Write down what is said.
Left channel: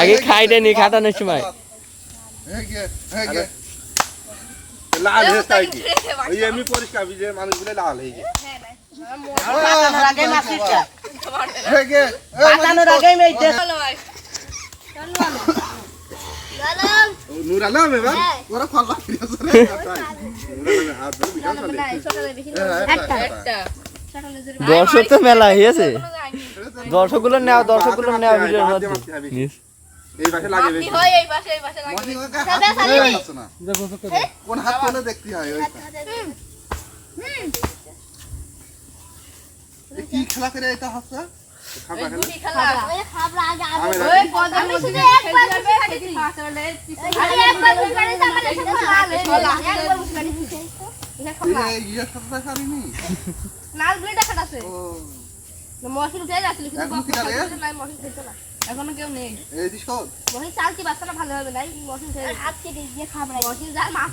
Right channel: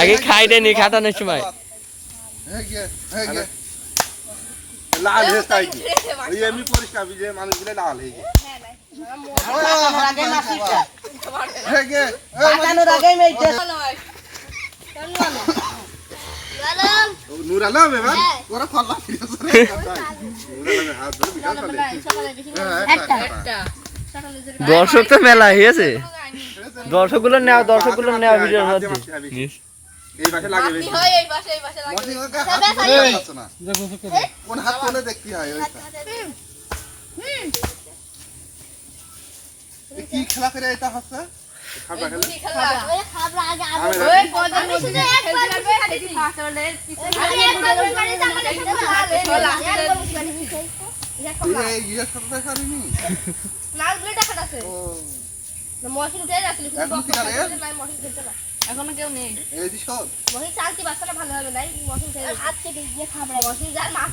আগে খাই দেনি খাটানোর সময় লাল হয়ে তাই এই এমনি পরিষ্কার। দর্শক তো মেলা হয়েছে? দর্শকগুলো নেওয়া দর্শকগুলো নেওয়া ভিডিওর মধ্যে। এই পাশে লাগে বেশি। কোন হাত কোনে দেখতে হয় ওইটা কি খেলা করে এটা হচ্ছে? খেলা? এখনও কেউ নেই। এই মহিষ চাল কি বাচ্চাটা ভালো হবে নাই? মহিষ হাত কেটে দিয়ে খাবার মহিষ যার মাছ